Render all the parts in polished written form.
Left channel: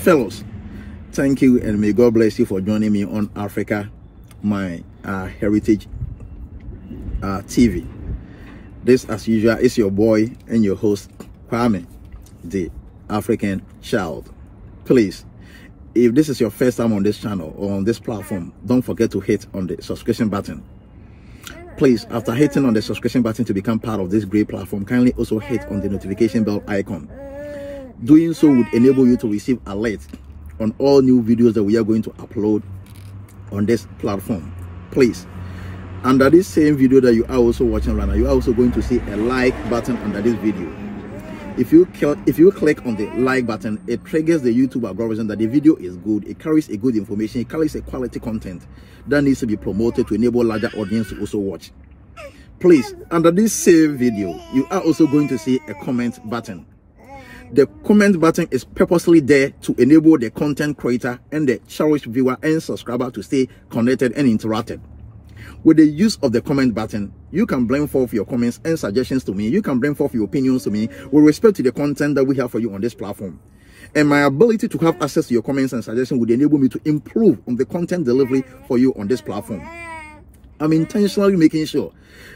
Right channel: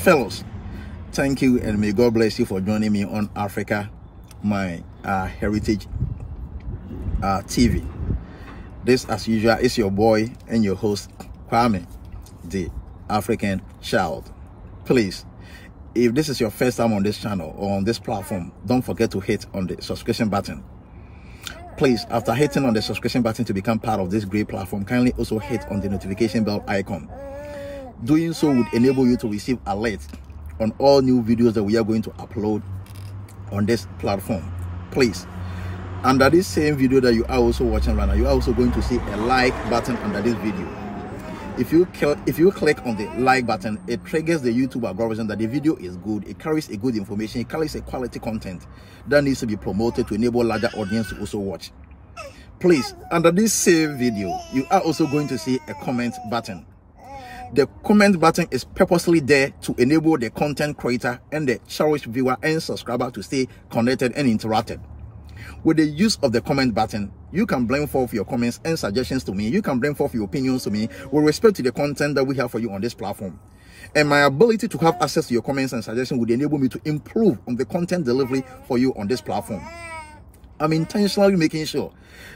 Fellows, thank you and may God bless you for joining me on Africa, my heritage TV. This, as usual, is your boy and your host, Kwame, the African Child. Please, if this is your first time on this channel or on this platform, don't forget to hit on the subscription button. Please, after hitting on the subscription button to become part of this great platform, kindly also hit on the notification bell icon. Doing so would enable you to receive alerts on all new videos that we are going to upload on this platform. Please, under this same video that you are also watching right now, you are also going to see a like button under this video. If you click on the like button, it triggers the YouTube algorithm that the video is good, it carries a good information, it carries a quality content that needs to be promoted to enable larger audience to also watch. Please, under this same video, you are also going to see a comment button. The comment button is purposely there to enable the content creator and the cherished viewer and subscriber to stay connected and interacted. With the use of the comment button, you can bring forth your comments and suggestions to me. You can bring forth your opinions to me with respect to the content that we have for you on this platform. And my ability to have access to your comments and suggestions would enable me to improve on the content delivery for you on this platform. I'm intentionally making sure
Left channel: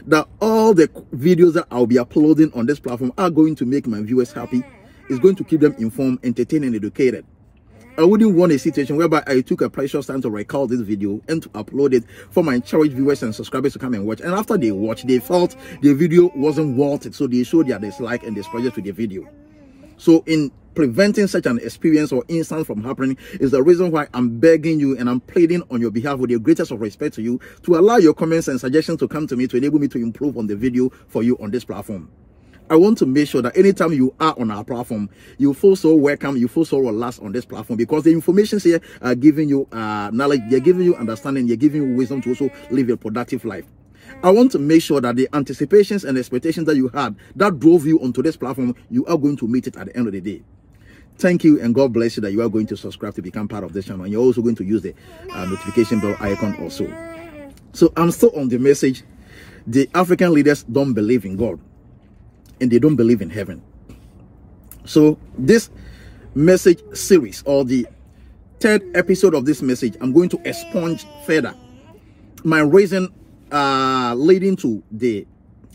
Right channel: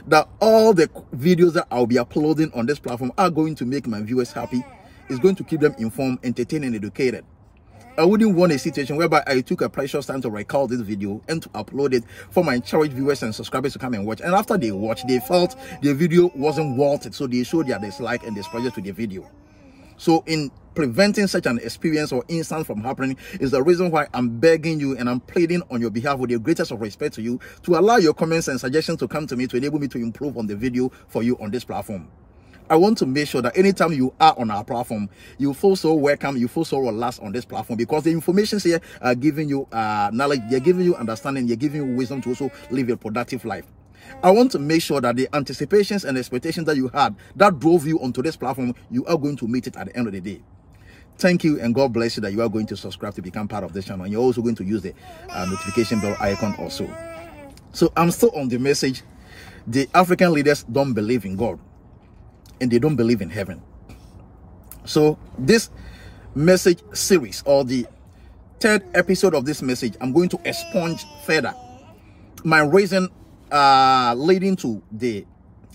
that all the videos that I'll be uploading on this platform are going to make my viewers happy. It's going to keep them informed, entertained, and educated. I wouldn't want a situation whereby I took a precious time to record this video and to upload it for my cherished viewers and subscribers to come and watch. And after they watch, they felt the video wasn't worth it, so they showed their dislike and displeasure to the video. So in preventing such an experience or instance from happening is the reason why I'm begging you and I'm pleading on your behalf with the greatest of respect to you to allow your comments and suggestions to come to me to enable me to improve on the video for you on this platform. I want to make sure that anytime you are on our platform, you feel so welcome, you feel so relaxed on this platform, because the information here are giving you knowledge, they're giving you understanding, they're giving you wisdom to also live a productive life. I want to make sure that the anticipations and expectations that you had that drove you onto this platform, you are going to meet it at the end of the day. Thank you and God bless you that you are going to subscribe to become part of this channel. And you're also going to use the notification bell icon also. So I'm still on the message. The African leaders don't believe in God. And they don't believe in heaven. So this message series, or the third episode of this message, I'm going to expunge further my reason leading to the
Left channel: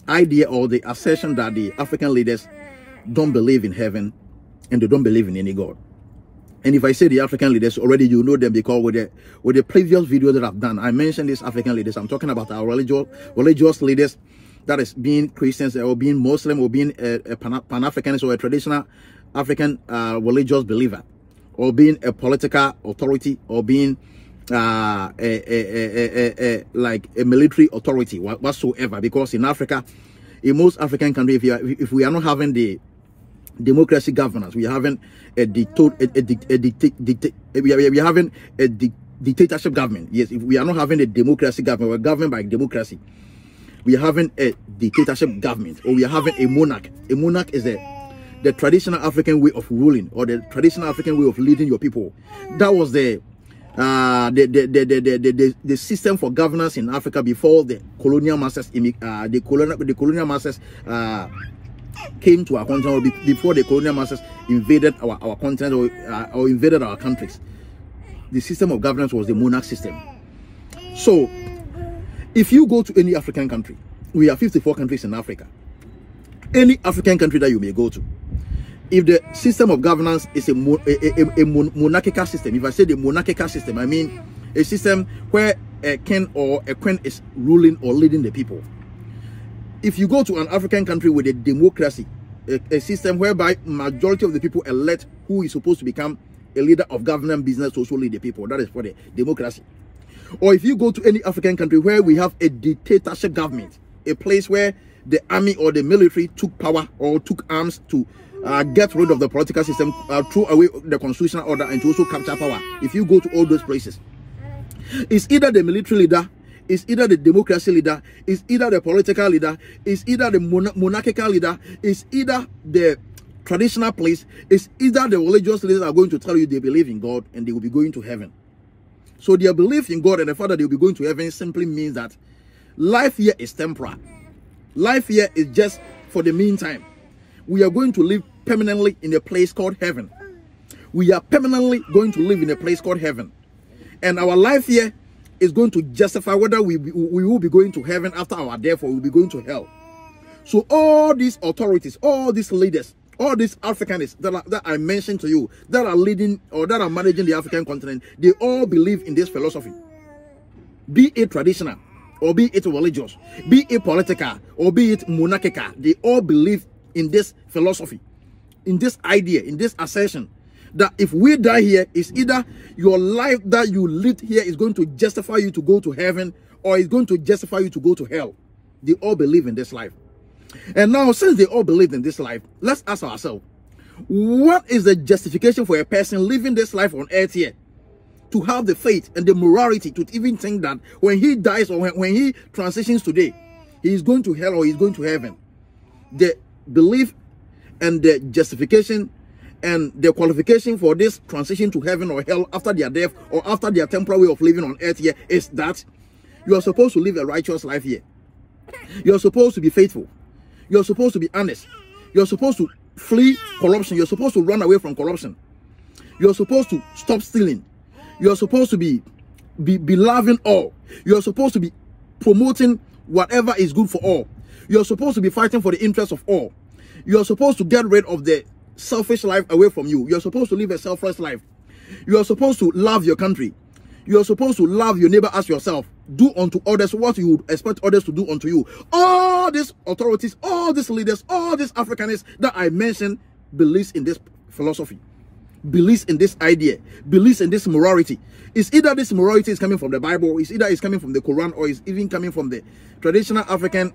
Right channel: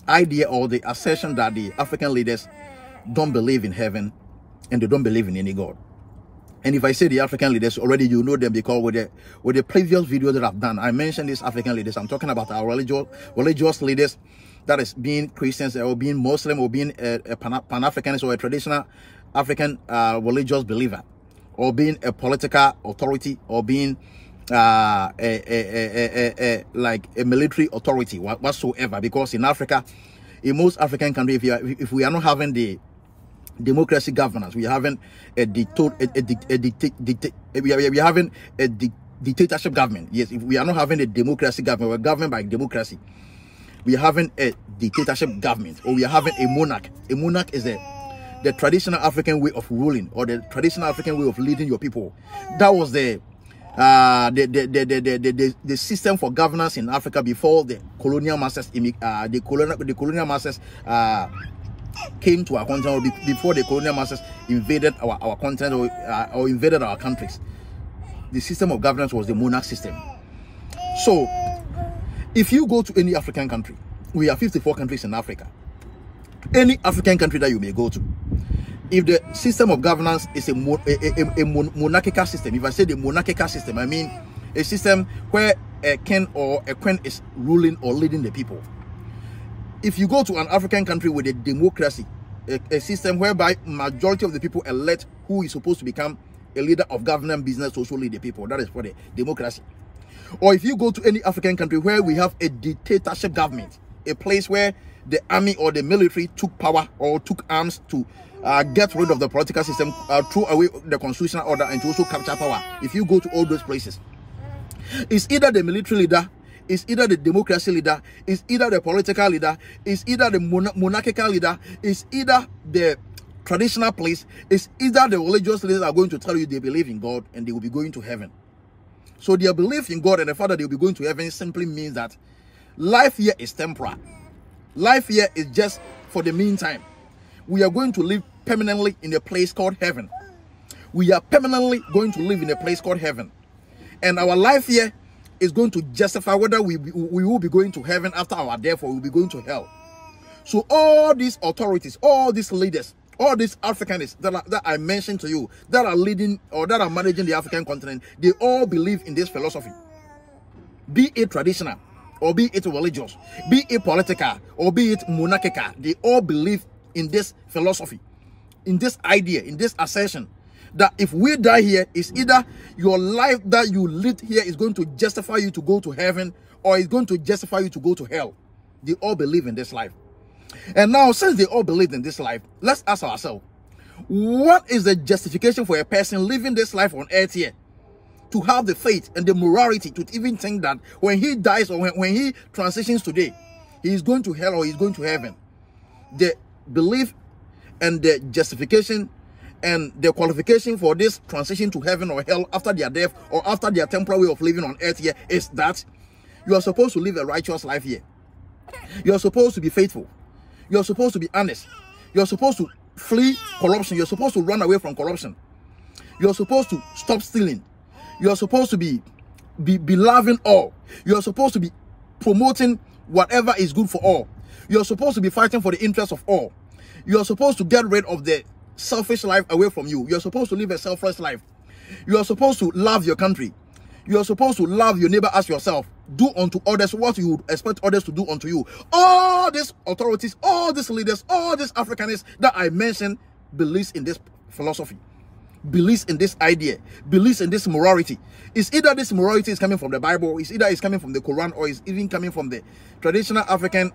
idea or the assertion that the African leaders don't believe in heaven and they don't believe in any God. And if I say the African leaders, already you know them, because with the previous video that I've done, I mentioned these African leaders. I'm talking about our religious leaders, that is being Christians or being Muslim or being a Pan-Africanist or a traditional African religious believer, or being a political authority, or being like a military authority whatsoever. Because in Africa, in most African countries, if we are not having the democracy governance, we are having a dictatorship government. Yes, if we are not having a democracy government, we're governed by democracy. We are having a dictatorship government, or we are having a monarch. A monarch is the traditional African way of ruling, or the traditional African way of leading your people. That was the system for governance in Africa before the colonial masters, the colonial masters came to our continent, before the colonial masters invaded our continent or invaded our countries. The system of governance was the monarch system. So if you go to any African country, we have 54 countries in Africa. Any African country that you may go to, if the system of governance is a monarchical system, if I say the monarchical system, I mean a system where a king or a queen is ruling or leading the people. If you go to an African country with a democracy, a system whereby majority of the people elect who is supposed to become a leader of government business to also lead the people, that is for the democracy. Or if you go to any African country where we have a dictatorship government, a place where the army or the military took power or took arms to get rid of the political system, throw away the constitutional order, and to also capture power. If you go to all those places, it's either the military leader, it's either the democracy leader, it's either the political leader, it's either the monarchical leader, it's either the traditional place, it's either the religious leaders are going to tell you they believe in God and they will be going to heaven. So their belief in God and the fact that they will be going to heaven simply means that life here is temporal. Life here is just for the meantime. We are going to live permanently in a place called heaven. we are permanently going to live in a place called heaven. And our life here is going to justify whether we will be going to heaven after our death or we'll be going to hell. So all these authorities, all these leaders, all these Africanists that I mentioned to you, that are leading or that are managing the African continent, they all believe in this philosophy. Be it traditional, or be it religious, be it political, or be it monarchical, they all believe in this philosophy, in this idea, in this assertion, that if we die here, it's either your life that you lived here is going to justify you to go to heaven, or it's going to justify you to go to hell. They all believe in this life. And now, since they all believe in this life, let's ask ourselves, what is the justification for a person living this life on earth here to have the faith and the morality to even think that when he dies or when he transitions today, he is going to hell or he's going to heaven? The belief and the justification and the qualification for this transition to heaven or hell after their death or after their temporary way of living on earth here is that you are supposed to live a righteous life here. You are supposed to be faithful. You are supposed to be honest. You are supposed to flee corruption. You are supposed to run away from corruption. You are supposed to stop stealing. You are supposed to be loving all. You are supposed to be promoting whatever is good for all. You are supposed to be fighting for the interests of all. You are supposed to get rid of the selfish life away from you. You are supposed to live a selfless life. You are supposed to love your country. You are supposed to love your neighbor as yourself. Do unto others what you would expect others to do unto you. All these authorities, all these leaders, all these Africanists that I mentioned believes in this philosophy, believes in this idea, believes in this morality. It's either this morality is coming from the Bible, it's either it's coming from the Quran, or it's even coming from the traditional African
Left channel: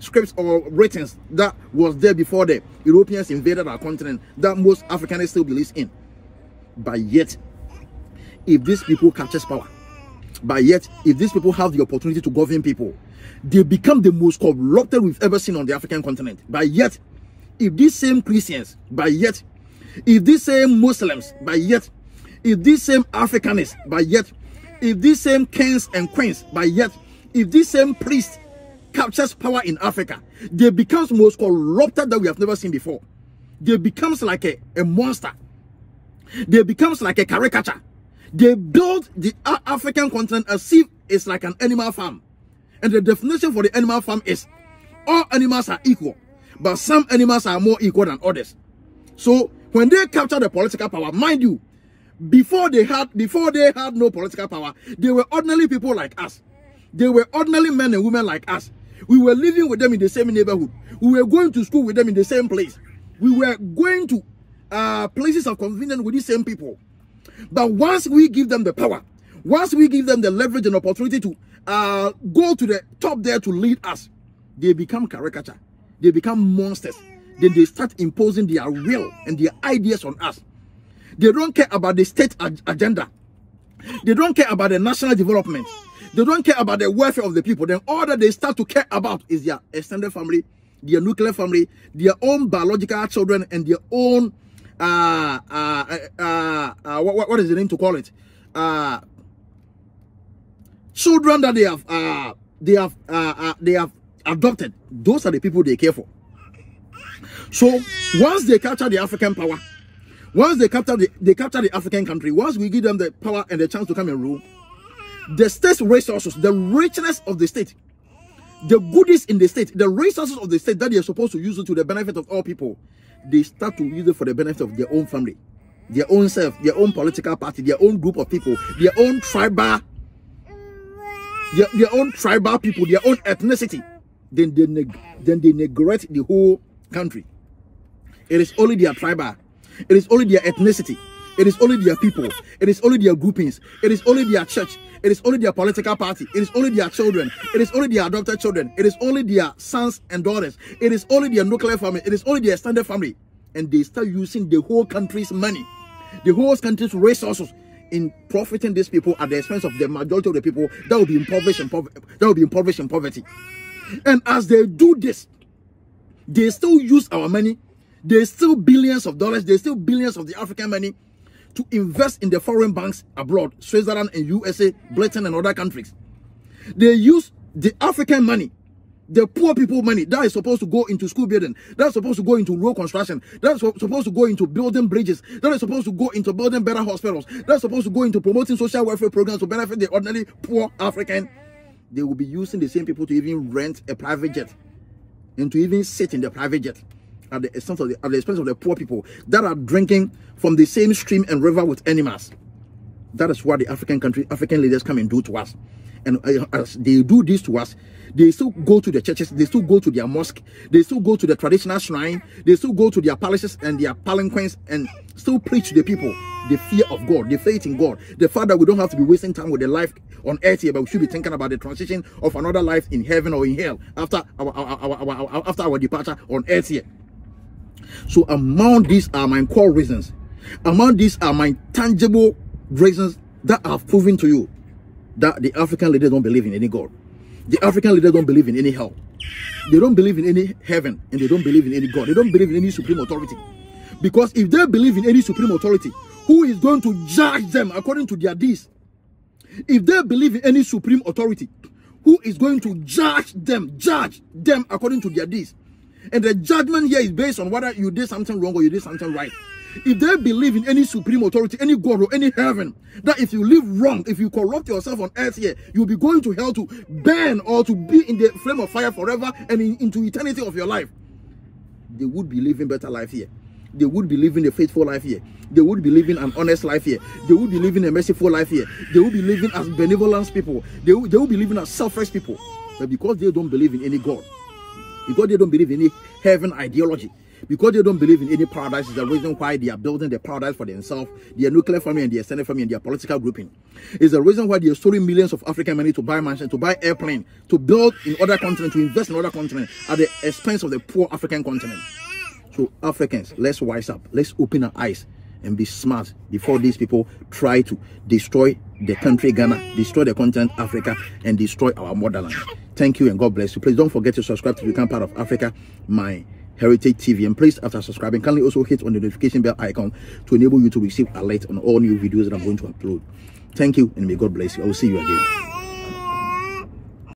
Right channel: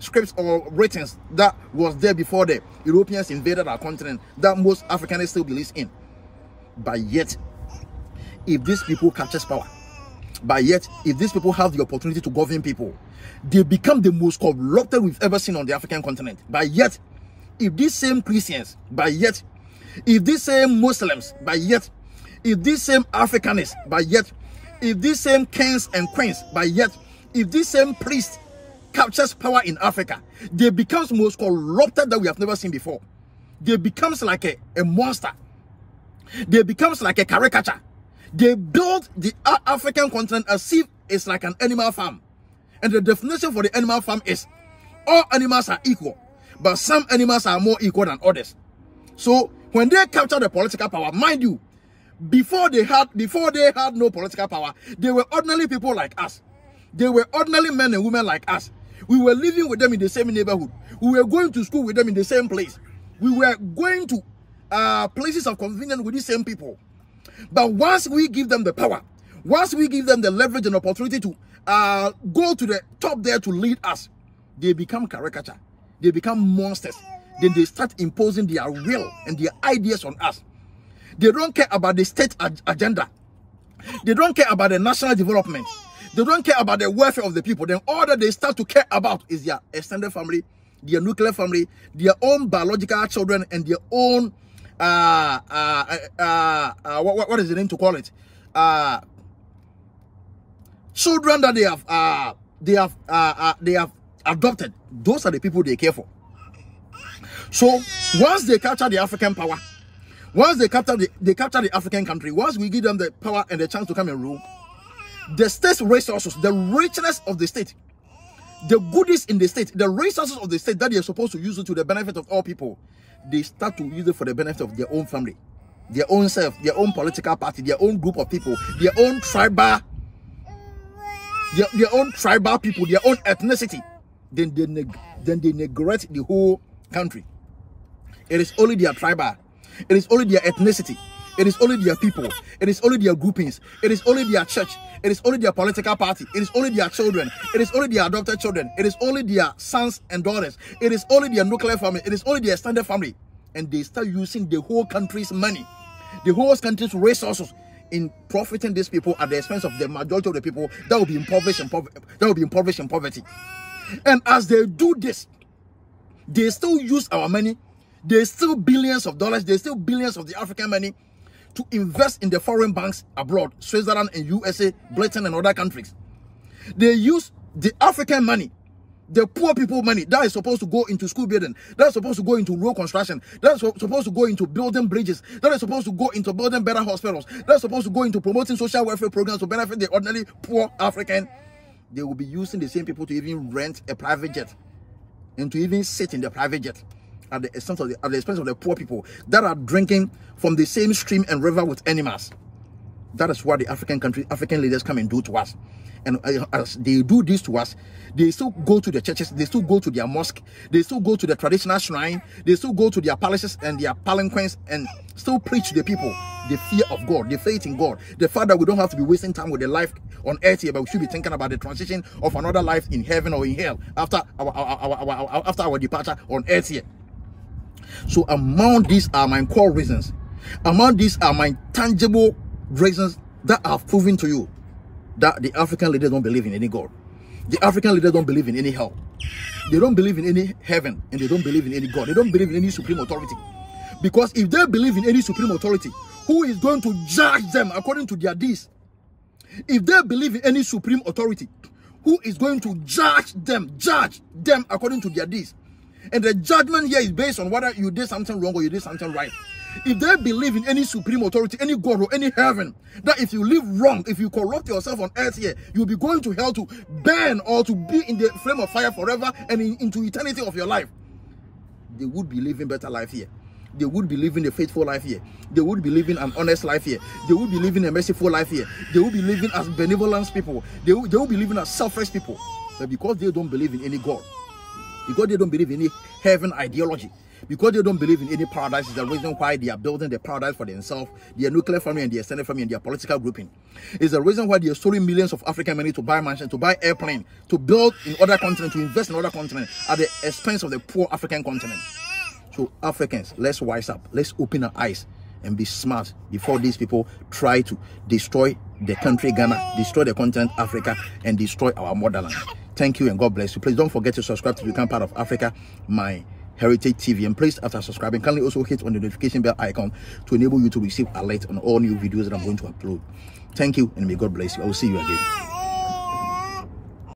scripts or writings that was there before the Europeans invaded our continent, that most Africanists still believes in. But yet, if these people captures power, but yet if these people have the opportunity to govern people, they become the most corrupted we've ever seen on the African continent. But yet, if these same Christians, but yet if these same Muslims, but yet if these same Africanists, but yet if these same kings and queens, but yet if these same priests captures power in Africa, they becomes most corrupted that we have never seen before. They becomes like a monster. They becomes like a caricature. They build the African continent as if it's like an animal farm. And the definition for the animal farm is all animals are equal, but some animals are more equal than others. So when they capture the political power, mind you, before they had no political power, they were ordinary people like us. They were ordinary men and women like us. We were living with them in the same neighborhood. We were going to school with them in the same place. We were going to places of convenience with these same people. But once we give them the power, once we give them the leverage and opportunity to go to the top there to lead us, they become caricature. They become monsters. Then they start imposing their will and their ideas on us. They don't care about the state agenda. They don't care about the national development. They don't care about the welfare of the people. Then all that they start to care about is their extended family, their nuclear family, their own biological children, and their own what is the name to call it? Children that they have adopted. Those are the people they care for. So once they capture the African power, once they capture the African country, once we give them the power and the chance to come and rule, the state's resources, the richness of the state, the goodies in the state, the resources of the state that they are supposed to use it to the benefit of all people, they start to use it for the benefit of their own family, their own self, their own political party, their own group of people, their own tribal, their own tribal people, their own ethnicity. Then they neglect the whole country. It is only their tribal, it is only their ethnicity, it is only their people, it is only their groupings, it is only their church, it is only their political party, it is only their children, it is only their adopted children, it is only their sons and daughters, it is only their nuclear family, it is only their extended family. And they start using the whole country's money, the whole country's resources in profiting these people at the expense of the majority of the people that will be impoverished in poverty. And as they do this, they still use our money. They steal billions of dollars. They steal billions of the African money to invest in the foreign banks abroad, Switzerland and USA, Britain and other countries. They use the African money The poor people money that is supposed to go into school building, that's supposed to go into road construction, that's supposed to go into building bridges, that is supposed to go into building better hospitals, that's supposed to go into promoting social welfare programs to benefit the ordinary poor African. They will be using the same people to even rent a private jet and to even sit in the private jet at the expense of the poor people that are drinking from the same stream and river with animals. That is what the African leaders come and do to us. And as they do this to us, they still go to the churches, they still go to their mosque, they still go to the traditional shrine, they still go to their palaces and their palanquins and still preach to the people the fear of God, the faith in God, the fact that we don't have to be wasting time with the life on earth here, but we should be thinking about the transition of another life in heaven or in hell after our departure on earth here. So among these are my core reasons. Among these are my tangible reasons that I've proven to you that the African leaders don't believe in any God. The African leaders don't believe in any hell. They don't believe in any heaven, and they don't believe in any God. They don't believe in any supreme authority. Because if they believe in any supreme authority, who is going to judge them according to their deeds? If they believe in any supreme authority, who is going to judge them according to their deeds? And the judgment here is based on whether you did something wrong or you did something right. If they believe in any supreme authority, any God or any heaven, that if you live wrong, if you corrupt yourself on earth here, you'll be going to hell to burn or to be in the flame of fire forever and into eternity of your life, they would be living better life here. They would be living a faithful life here. They would be living an honest life here. They would be living a merciful life here. They would be living as benevolent people. They would be living as selfless people. But because they don't believe in any God, because they don't believe in any heaven ideology, because they don't believe in any paradise, is the reason why they are building the paradise for themselves, their nuclear family and their extended family and their political grouping. It's the reason why they are storing millions of African money to buy mansions, to buy airplanes, to build in other continents, to invest in other continents at the expense of the poor African continent. So Africans, let's wise up. Let's open our eyes and be smart before these people try to destroy the country Ghana, destroy the continent Africa, and destroy our motherland. Thank you and God bless you. Please don't forget to subscribe to become part of Africa, my Heritage TV, and please, after subscribing, kindly also hit on the notification bell icon to enable you to receive alerts on all new videos that I'm going to upload. Thank you and may God bless you. I will see you again.